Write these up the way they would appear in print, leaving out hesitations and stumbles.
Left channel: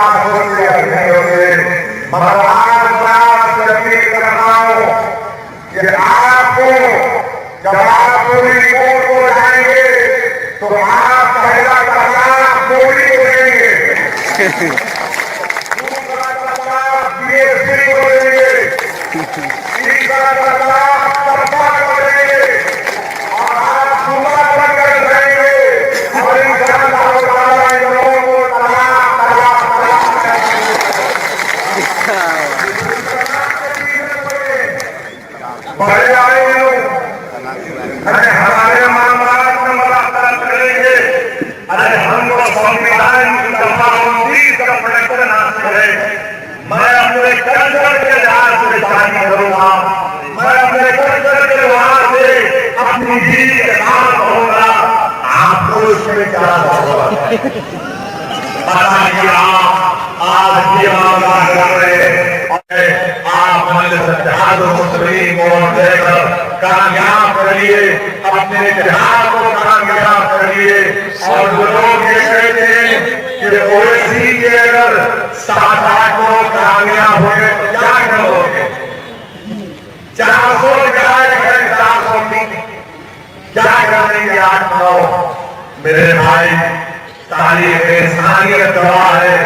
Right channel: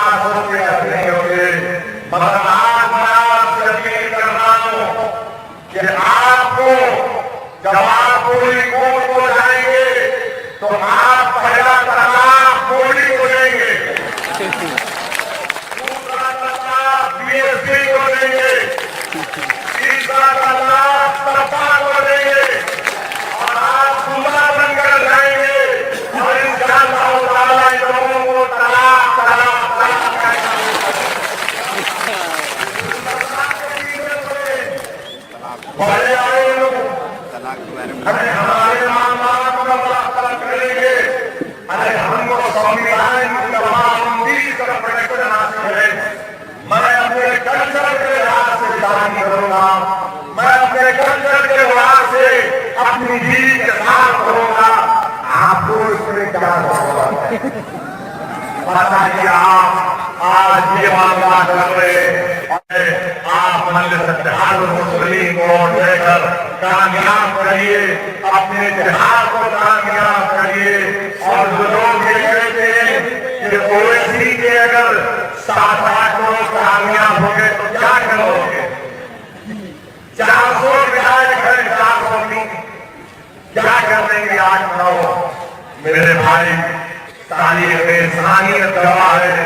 पास होंगे या नहीं होंगे, मगर आज मैं आपसे अपील कर रहा हूं कि आपको जब आप पूरी रिपोर्ट को जाएंगे तो आप पहला तलाक मोदी को देंगे, दूसरा तलाक बीएसपी को देंगे, तीसरा तलाक सरकार को देंगे और आप जुम्मा बनकर जाएंगे और इंशाअल्लाह ताला इन लोगों को तलाक तलाक तलाक बड़े आए अरे हमारे मामला को मुलाकात करेंगे, अरे हम तो संविधान का प्रश्न हासिल है, मैं अपने कल्चर के लिहाज से जारी करूंगा, मैं अपने कल्चर के लिहाज से अपनी बीवी के साथ रहूंगा, आपको उसमें क्या होगा? आप आज ये मामला कर रहे हैं, आप मुस्लिम वोट देकर कामयाब करिए, अपने इतिहास को कामयाब करिए। और जो लोग ये कहते हैं कि ओवैसी के अगर 7-8 लोग कामयाब हुए तो क्या करोगे? 400 जाए है, 420 क्या करेंगे? 8-9 मेरे भाई, तारीख इंसानियत गवाह है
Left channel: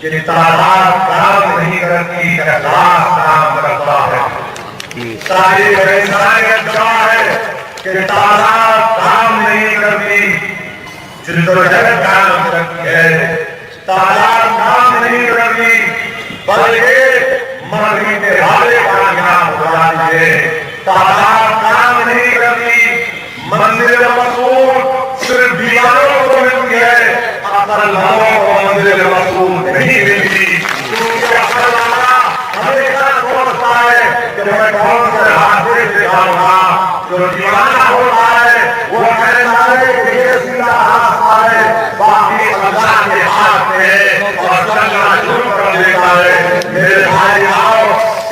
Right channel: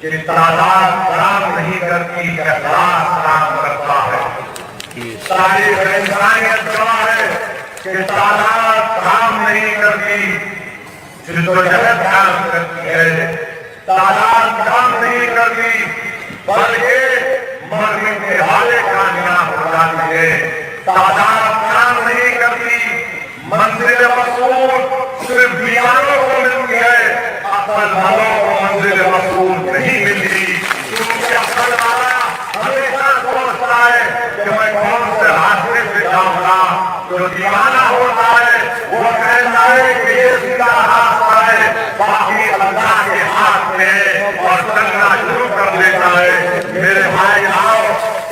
कि तादाद काम नहीं करती, एहसास काम करता है। तारीख इंसानियत गवाह है कि तादाद काम नहीं करती, जिद्दोजहद काम करती है। तादाद काम नहीं करती बल्कि मरने के हाले कामयाब हो जाती है। तादाद काम नहीं करती, मंजिल मकसूद सिर्फ दीवारों को मिलती है, असल लोगों को मंजिल मकसूद नहीं मिलती। क्योंकि असल वाला हमेशा सोचता है कि मैं कौन से हादसे से जाऊंगा। जो दीवाना होता है वो कहता है कि ये सीधा रास्ता है, बाकी अल्लाह के हाथ में है और अल्लाह जो कर देता है। मेरे भाई आओ,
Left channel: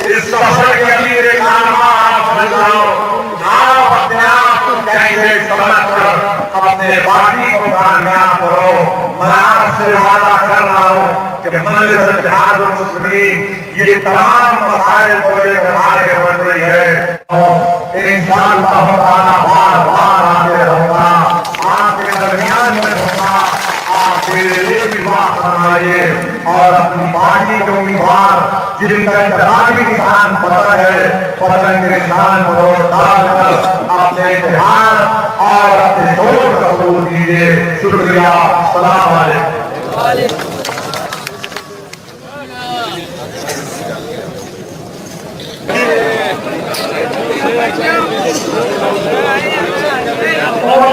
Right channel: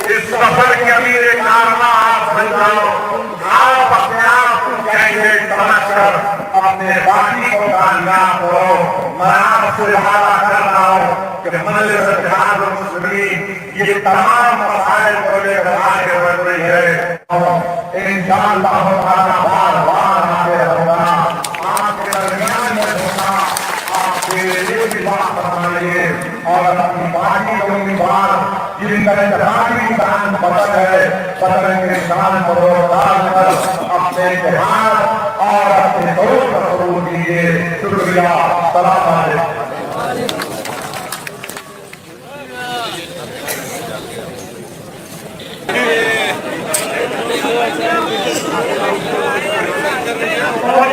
इस सफर की अभी एक नाम आप बन जाओ, आप अपने आप को कैसे समझ कर अपने बाकी को कामयाब करो। मैं आपसे वादा कर रहा हूँ कि मजलिस इत्तेहाद मुस्लिमीन ये तमाम मसाइल को लेकर आगे बढ़ रही है, इंशाअल्लाह ताला बार-बार आगे होगा, आपके दरमियान में होगा। आप मेरे लिए भी बात फरमाइए और अपनी पार्टी के उम्मीदवार जिनका इंतजामी निशान पसंद है, पसंद के निशान पर वोट डालकर अपने इतिहास और अपने वोट का कबूल कीजिए। शुक्रिया। सलाम अलैकुम। और